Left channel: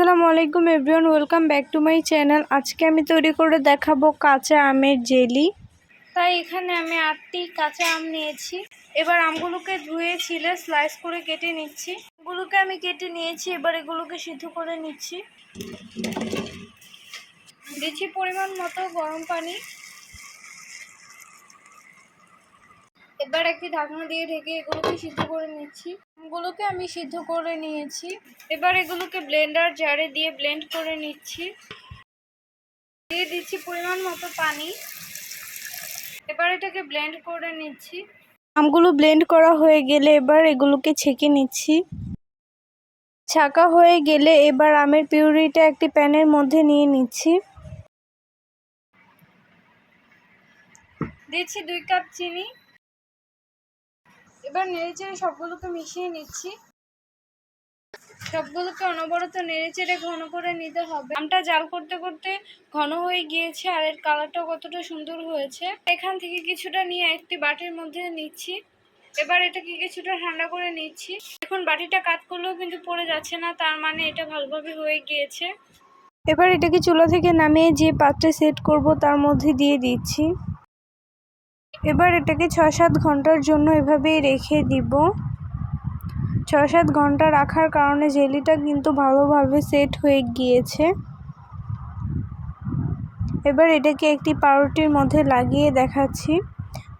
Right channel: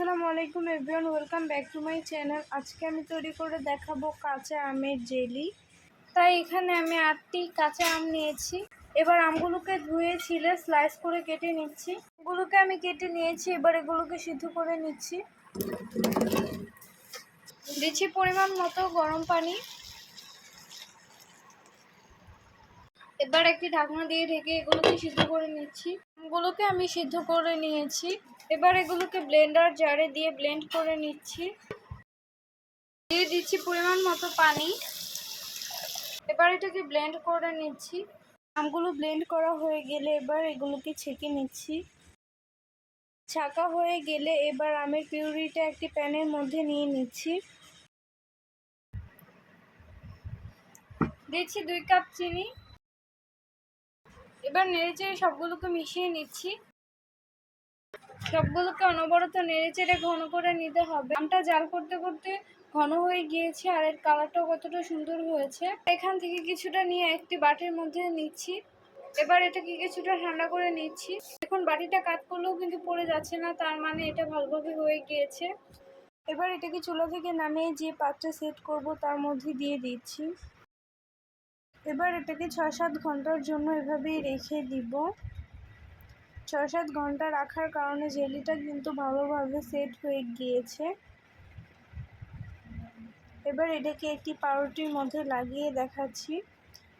আসসালামু আলাইকুম everyone, welcome back to my channel. আজকে আমি তৈরি করে দেখাবো কাঁচা আমের জেলি। তাই এখানে আমি 8টি কাঁচা আম নিয়েছি। এবার আমগুলোকে ধুয়ে ছিলে স্লাইস করে কেটে নিচ্ছি। আমগুলোকে আমি কেটে নিয়েছি, এবার এগুলোকে সিদ্ধ করে নিচ্ছি। দিচ্ছি পরিমাণ মতো গরম পানি। এবার একটি ঢাকনা দিয়ে ঢেকে এগুলোকে সিদ্ধ করে নিচ্ছি। আমগুলোকে আমি সিদ্ধ করে নিয়েছি। এবার এগুলোকে ব্লেন্ডার জারে দিয়ে ব্লেন্ড করে নিচ্ছি। দিয়ে দিচ্ছি পরিমাণ মতো পানি। এবার এটাকে ব্লেন্ড করে নিচ্ছি। আমগুলো ব্লেন্ড করা হয়ে গেলে এবার এগুলোকে ছেঁকে নিচ্ছি। ছাঁকা হয়ে গেলে এবার আমের পিউরিটা একটি প্যানের মধ্যে নিয়ে নিচ্ছি। দিচ্ছি 2 কাপ চিনি। এবার নেড়েচেড়ে সবগুলোকে মিশিয়ে নিচ্ছি। সবগুলোকে অনবরত নেড়েচেড়ে ঘন করে নিতে হবে। আমটা জাল করতে করতে ঘন হয়ে গিয়েছে আর এর কালারটাও কতটা সুন্দর হয়েছে। এখান থেকে কিছুটা নিয়ে একটি বাটির মধ্যে নিচ্ছি। এবার এটাকে কিছুটা ঠান্ডা করে নিচ্ছি। এখন বাটিটা কাত করলেও কিন্তু পড়ে যাচ্ছে না, তার মানে এটা ভালোভাবে হয়ে গিয়েছে। এবার এটাকে চুলা থেকে নামিয়ে যে পাত্রে সেট করব তার মধ্যে দিয়ে দিচ্ছি। এবার এটাকে 6-7 ঘন্টার জন্য এভাবেই রেখে দিব। 6-7 ঘন্টা রাখার কারণে জেলিটা কিন্তু ভালোভাবে সেট হয়ে গিয়েছে। এবার এটাকে একটি পাউরুটির মধ্যে লাগিয়ে দেখাচ্ছি।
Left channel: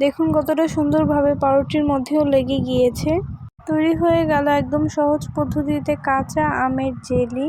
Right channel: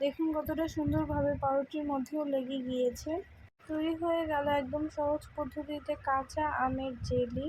দেখুন কতটা সুন্দরভাবে পাউরুটির মধ্যেও লেগে গিয়েছে। তৈরি হয়ে গেল একদম সহজ পদ্ধতিতে কাঁচা আমের জেলি।